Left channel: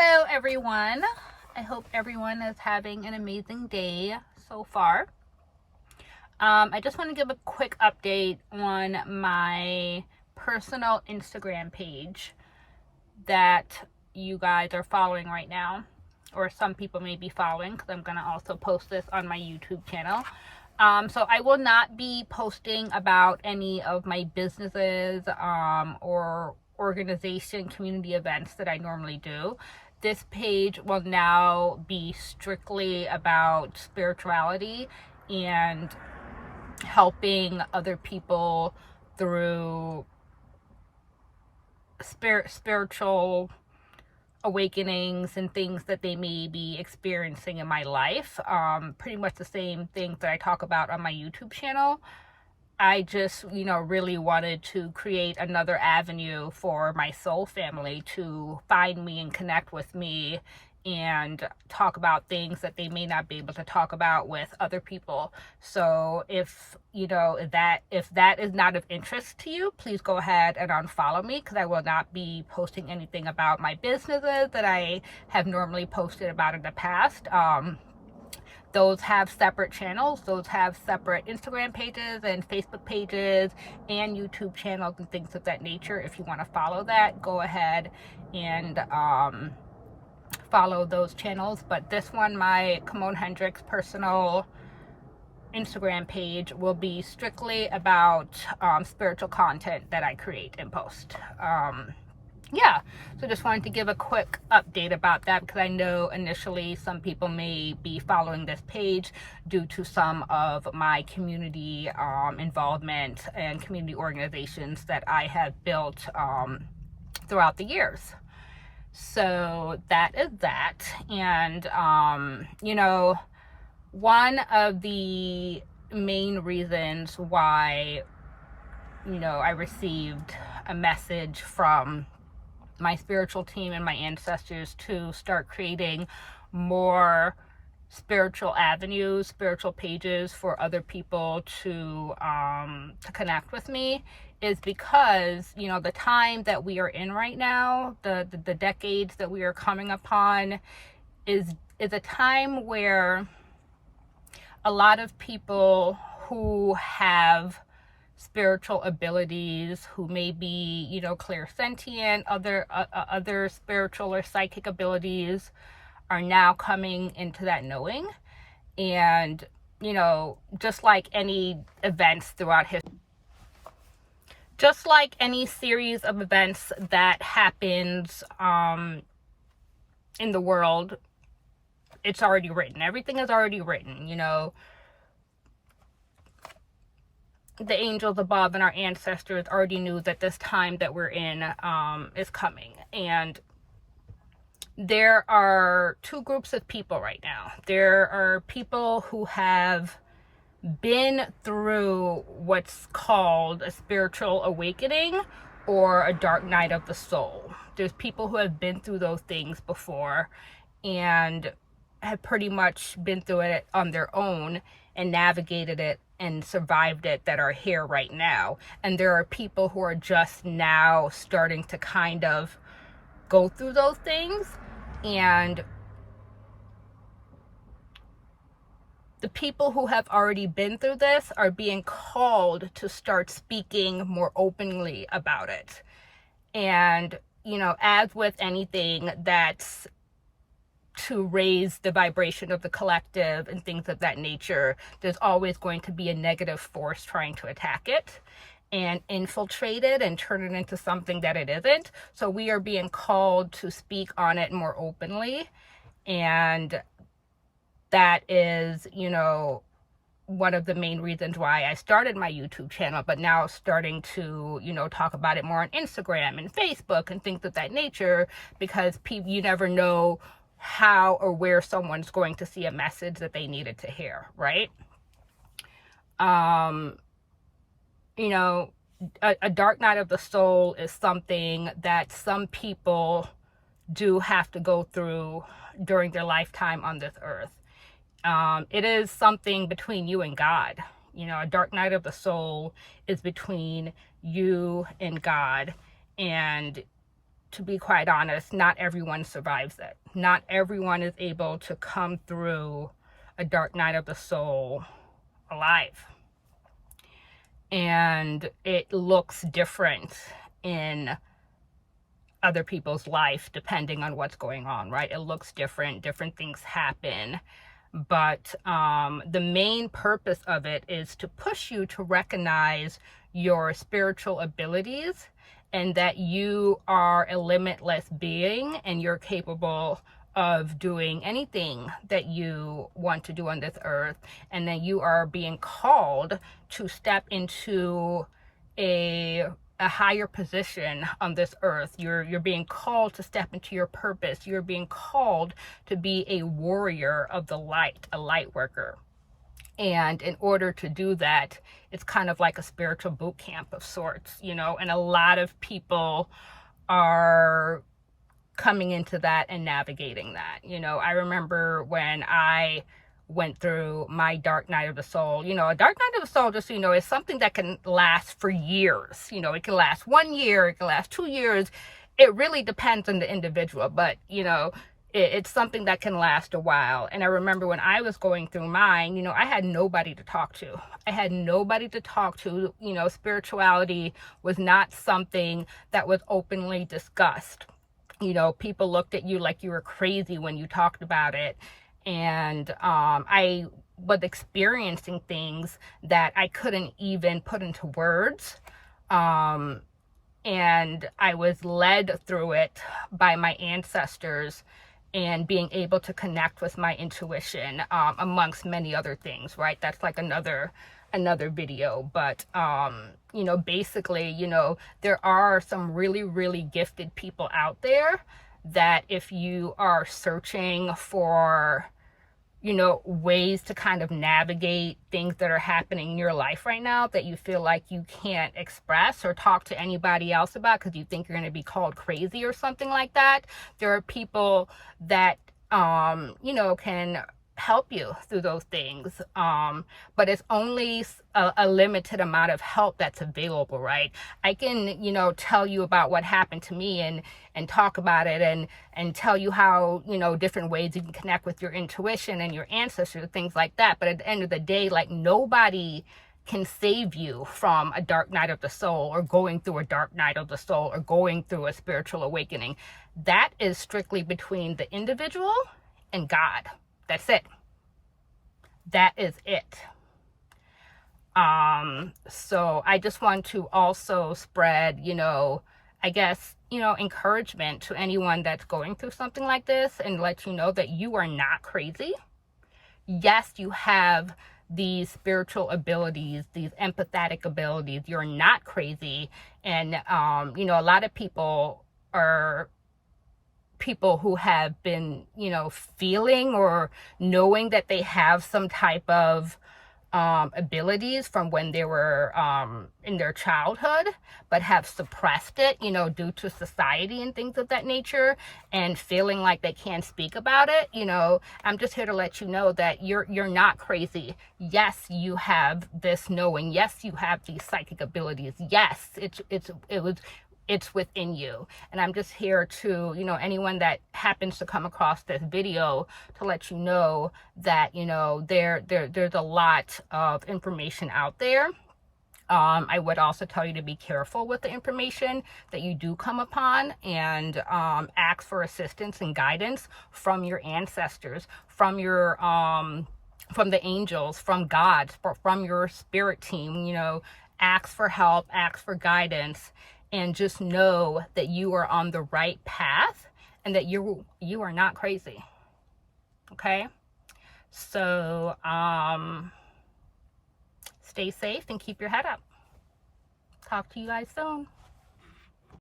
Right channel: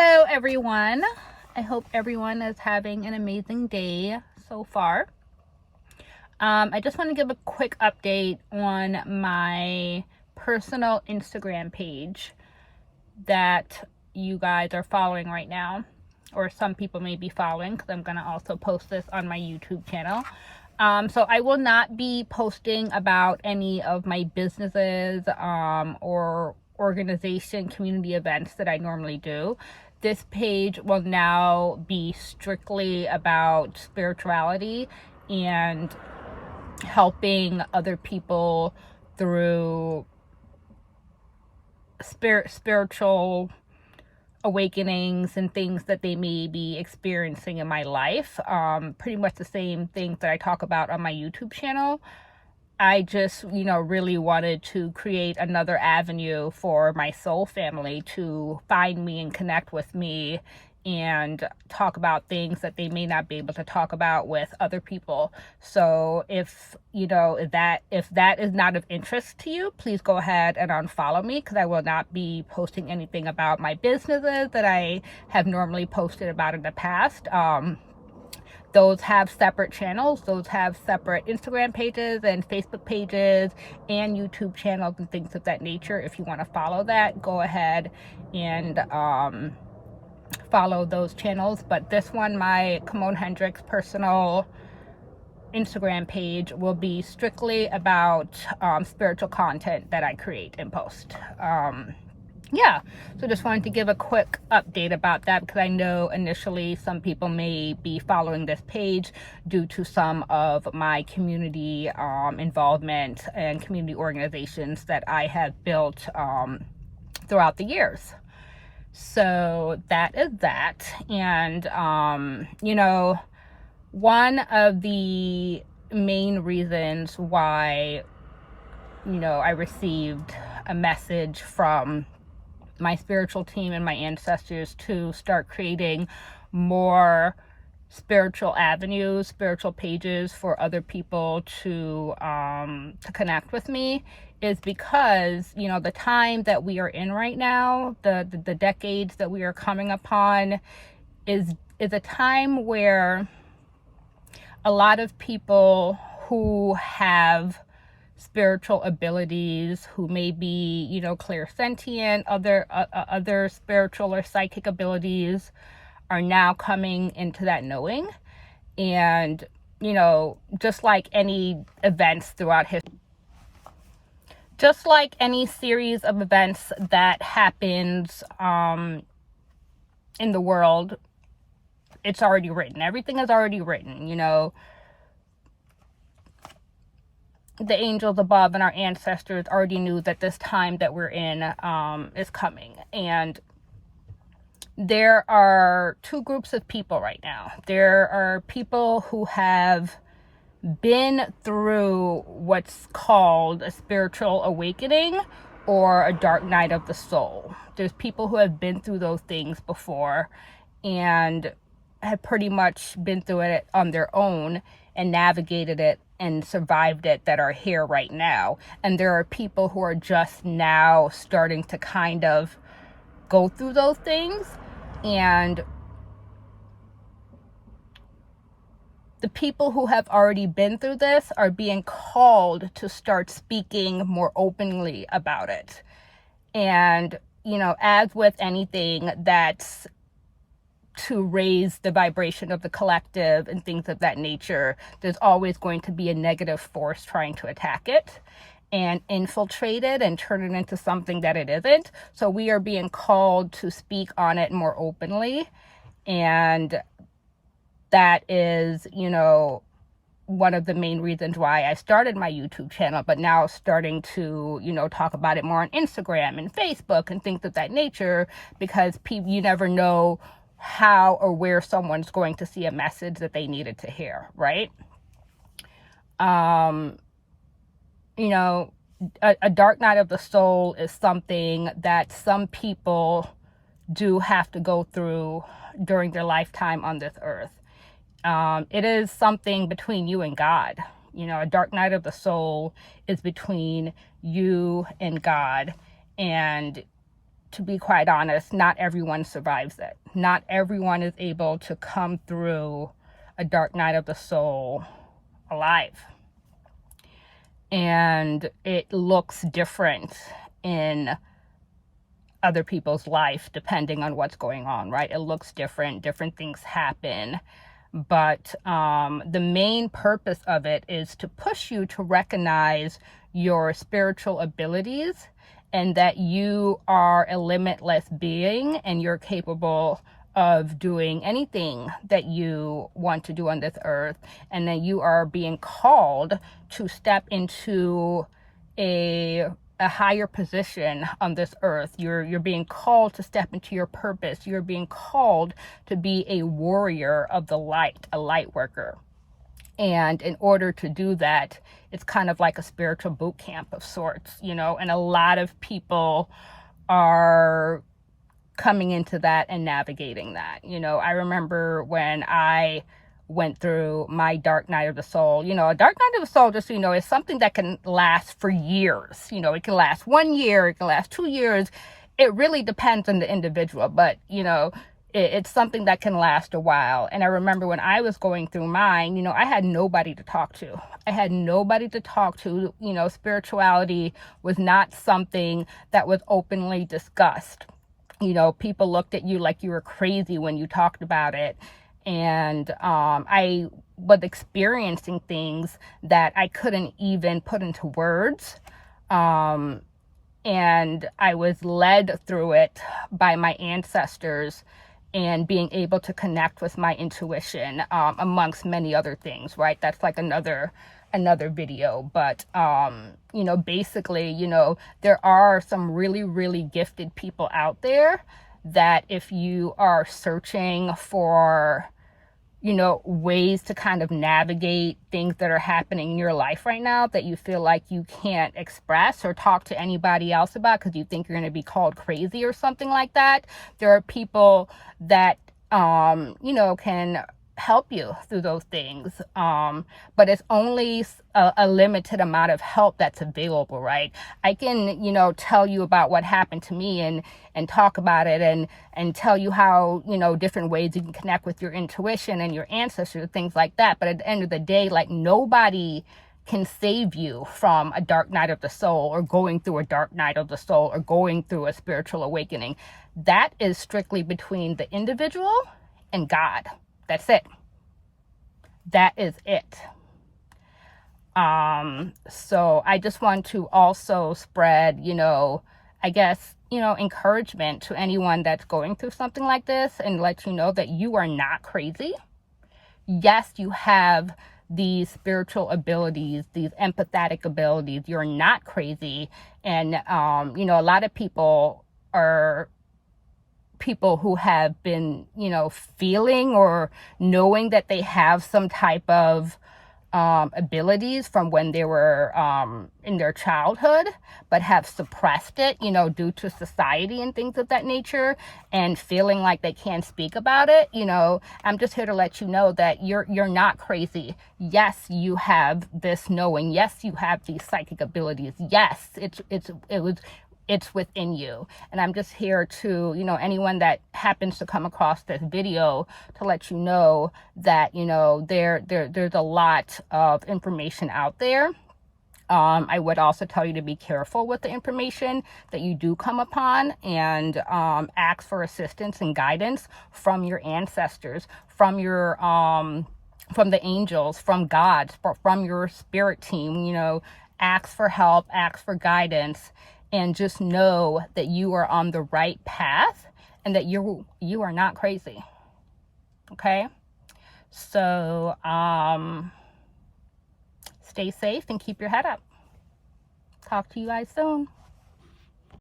Hello everyone. I hope everyone is having an amazing day so far. I just want to give a quick update on my personal Instagram page that you guys are following right now, or some people may be following, because I'm going to also post this on my YouTube channel. So I will not be posting about any of my businesses or organization community events that I normally do. This page will now be strictly about spirituality and helping other people through spiritual awakenings and things that they may be experiencing in my life. Pretty much the same things that I talk about on my YouTube channel. I just, really wanted to create another avenue for my soul family to find me and connect with me and talk about things that they may not be able to talk about with other people. So if that is not of interest to you, please go ahead and unfollow me, because I will not be posting anything about my businesses that I have normally posted about in the past. Those have separate channels. Those have separate Instagram pages and Facebook pages and YouTube channels and things of that nature. If you want to follow that, go ahead and follow those channels. But this one, my Kimone Hendricks personal Instagram page, will be strictly about spiritual content that I create and post. So just wanted to give a quick update about that, because I know initially some people may be following this page due to some of my community involvement and community organizations that I have built throughout the years. So that is that. And one of the main reasons why I received a message from my spiritual team and my ancestors to start creating more spiritual avenues, spiritual pages for other people to connect with me, is because the time that we are in right now, the decades that we are coming upon, is a time where a lot of people who have spiritual abilities, who may be, clairsentient, other spiritual or psychic abilities, are now coming into that knowing. And, just like any events throughout history, just like any series of events that happens in the world, it's already written. Everything is already written, the angels above and our ancestors already knew that this time that we're in is coming. And there are two groups of people right now. There are people who have been through what's called a spiritual awakening or a dark night of the soul. There's people who have been through those things before and have pretty much been through it on their own and navigated it and survived it, that are here right now. And there are people who are just now starting to kind of go through those things. And the people who have already been through this are being called to start speaking more openly about it. And, as with anything that's to raise the vibration of the collective and things of that nature, there's always going to be a negative force trying to attack it and infiltrate it and turn it into something that it isn't. So we are being called to speak on it more openly. And that is, one of the main reasons why I started my YouTube channel, but now starting to, talk about it more on Instagram and Facebook and things of that nature, because you never know how or where someone's going to see a message that they needed to hear, right? A dark night of the soul is something that some people do have to go through during their lifetime on this earth. It is something between you and God. A dark night of the soul is between you and God. And to be quite honest, not everyone survives it. Not everyone is able to come through a dark night of the soul alive. And it looks different in other people's life depending on what's going on, right? It looks different. Different things happen. But the main purpose of it is to push you to recognize your spiritual abilities and that you are a limitless being and you're capable of doing anything that you want to do on this earth, and that you are being called to step into a higher position on this earth. You're being called to step into your purpose. You're being called to be a warrior of the light, a light worker. And in order to do that, it's kind of like a spiritual boot camp of sorts, you know, and a lot of people are coming into that and navigating that. You know, I remember when I went through my dark night of the soul. You know, a dark night of the soul, just so you know, is something that can last for years. You know, it can last 1 year, it can last 2 years. It really depends on the individual, but, you know, it's something that can last a while. And I remember when I was going through mine, you know, I had nobody to talk to. I had nobody to talk to. You know, spirituality was not something that was openly discussed. You know, people looked at you like you were crazy when you talked about it. And I was experiencing things that I couldn't even put into words. And I was led through it by my ancestors and being able to connect with my intuition, amongst many other things, right? That's like another video. But, you know, basically, you know, there are some really, really gifted people out there that if you are searching for, you know, ways to kind of navigate things that are happening in your life right now that you feel like you can't express or talk to anybody else about because you think you're going to be called crazy or something like that, there are people that, you know, can help you through those things. But it's only a limited amount of help that's available, right? I can, you know, tell you about what happened to me and talk about it and tell you how, you know, different ways you can connect with your intuition and your ancestors, things like that. But at the end of the day, like, nobody can save you from a dark night of the soul or going through a dark night of the soul or going through a spiritual awakening. That is strictly between the individual and God. That's it. That is it. So I just want to also spread, you know, I guess, you know, encouragement to anyone that's going through something like this and let you know that you are not crazy. Yes, you have these spiritual abilities, these empathetic abilities. You're not crazy. And, you know, a lot of people are people who have been, you know, feeling or knowing that they have some type of abilities from when they were in their childhood, but have suppressed it, you know, due to society and things of that nature, and feeling like they can't speak about it. You know, I'm just here to let you know that you're not crazy. Yes, you have this knowing. Yes, you have these psychic abilities. Yes, it's within you. And I'm just here to, you know, anyone that happens to come across this video, to let you know that, you know, there's a lot of information out there. I would also tell you to be careful with the information that you do come upon, and ask for assistance and guidance from your ancestors, from your from the angels, from God, from your spirit team. You know, ask for help, ask for guidance, and just know that you are on the right path and that you are not crazy. Okay? So, stay safe and keep your head up. Talk to you guys soon.